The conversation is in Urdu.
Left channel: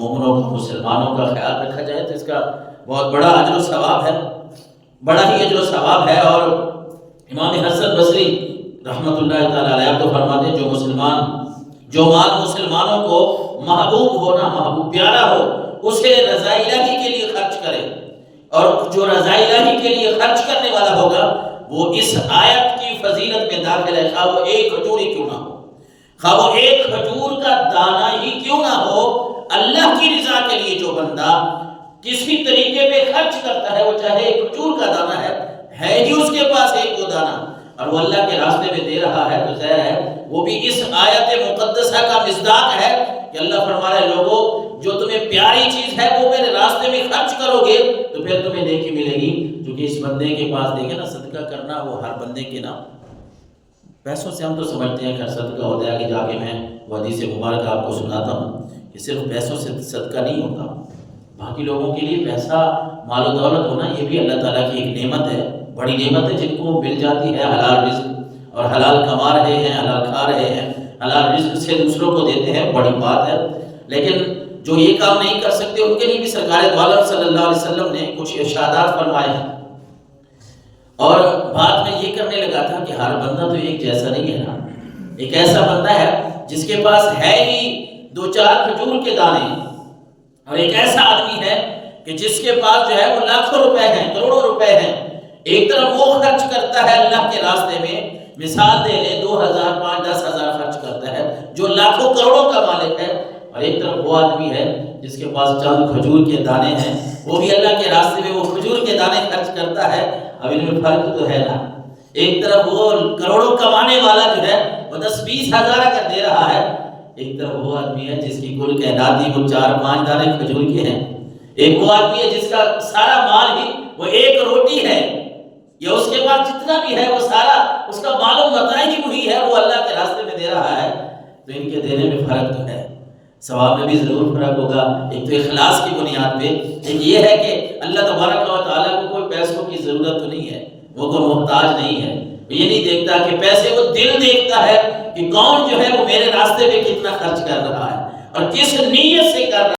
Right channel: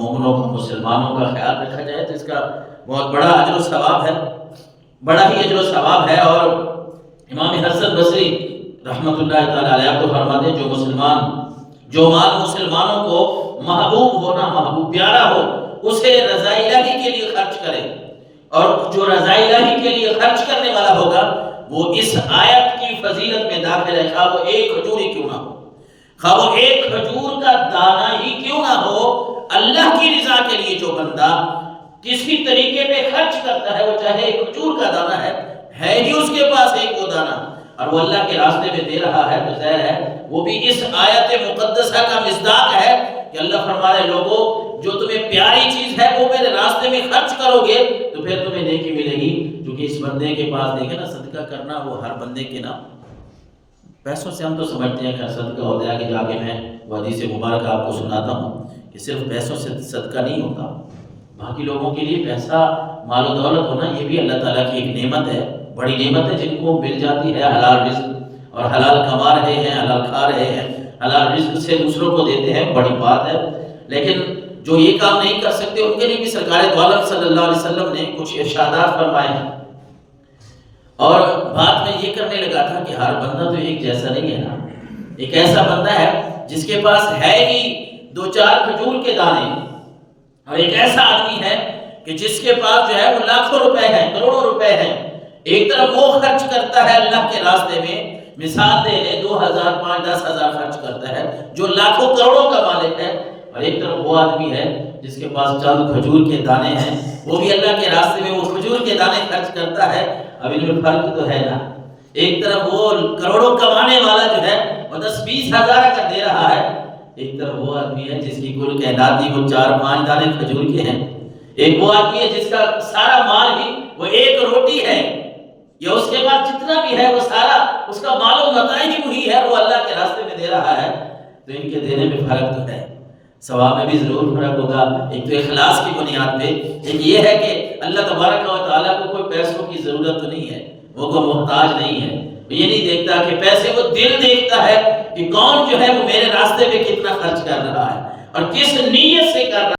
مومنوں کا، مسلمانوں کا خیال رکھا جائے تو اس کا بہت بڑا اجر و ثواب ہے، بڑا ہی اجر و ثواب ہے۔ اور امام حسن بصری رحمۃ اللہ تعالی علیہ آپ تو فرماتے ہیں جو مال مسلمانوں کو محبوب ہونا، محبوب پیارا ہو، اسے رضا الہی کے لیے خرچ کرے، اور جو رضا الہی کے لیے خرچ کرنے والا ہوگا وہ اس آیت کی فضیلت میں داخل ہے، خواہ وہ ایک کھجور ہی کیوں نہ ہو، خواہ وہ ایک کھجور کا دانہ ہی کیوں نہ ہو، اللہ کی رضا کے لیے جو بندہ کسی طریقے پہ خرچ کرتا ہے، وہ چاہے ایک کھجور کا دانہ ہے ہی اس کے پاس ایک وہ دانہ، اور وہ اللہ کے راستے میں دے رہا ہے، تو ظاہر ہے وہ بھی اس آیت مقدسہ کا مصداق ہے کہ اللہ فرما رہے لوگوں جو تمہیں پیاری چیز ہے وہ میرے راستے میں خرچ کرو گے تو پھر تمہیں نیکی ملے گی۔ کیونکہ اس بندے کے پاس دیکھیں نا، صدقہ کرنا وہ ہر بندے کے نا پیسوں سے، ہم تو سمجھتے ہیں کہ صدقہ ہوتا ہے کہ جا کے میں وہ حدیث مبارک آپ کو سناتا ہوں کہ صرف پیسوں سے صدقہ نہیں ہوتا، باقی لوگوں کے لیے پیسہ، مال و دولت ہونا یہ بھی اللہ تعالیٰ کی ایک نعمت ہے، بڑی نعمت ہے، جن کو مل جاتی ہے حلال رزق اور حلال کما رہے ہیں، حلال کھا رہے ہیں، حلال رزق سے دوسروں کو دیتے ہیں، بڑی بات ہے۔ لیکن جو یہ کام نہیں کر سکتے ان کے لیے بھی سرکار دو عالم صلی اللہ علیہ وسلم نے کچھ ارشادات فرمائے ہیں، اور بات میں یہ کرنے لگا تھا کہ ہر بندہ تو ایک جیسا نہیں ہے نا، ایک ایسا بندہ ہے جس کے پاس ہے ہی 2-4 کھجور کے دانے، اور ایک ایسا آدمی ہے کہ جس کے پاس جو ہے وہ لاکھوں روپے ہیں، کروڑوں روپے ہیں۔ ایک طرف وہ خرچ کرتا ہے اللہ کے راستے میں، مثال دے لے 2000 5-10,000 خرچ کرتا ہے جو لاکھوں کروڑوں کا مالک ہے، اور ایک طرف وہ آدمی ہے جس کے پاس چند کھجور کے دانے ہیں، وہ بھی اللہ کے راستے میں وہ کھجور کے دانے خرچ کرتا ہے۔ اب ان میں فرق تو ہے نا، ایک طرف وہ کروڑوں کمانے والا جو ہے وہ 10-20 ہزار اگر دے رہا ہے، ایک طرف وہ آدمی ہے جس کی کل تعداد وہ 4-5 دانے کھجور کے ہیں، ایک وہ آدمی ہے جس کا سارا مال ہی وہ ایک روٹی ہے، یا اس کے پاس جتنا بھی ہے وہ سارا اس کا مال و متاع ہی وہی ہے، وہ اللہ کے راستے میں دے رہا ہے۔ تو ان کے دینے میں فرق تو ہے، ثواب میں بھی ضرور فرق ہوگا، ایک تو اخلاص کی بنیاد پہ، ایک یہ ہے کہ اللہ تبارک و تعالیٰ کو کوئی پیسوں کی ضرورت تو نہیں ہے، وہ کوئی محتاج نہیں ہے، وہ یہ نہیں دیکھتا کہ پیسے، وہ دل دیکھتا ہے کہ کون جو ہے وہ میرے راستے پہ کتنا خرچ کر رہا ہے اور کس نیت سے کر رہا ہے۔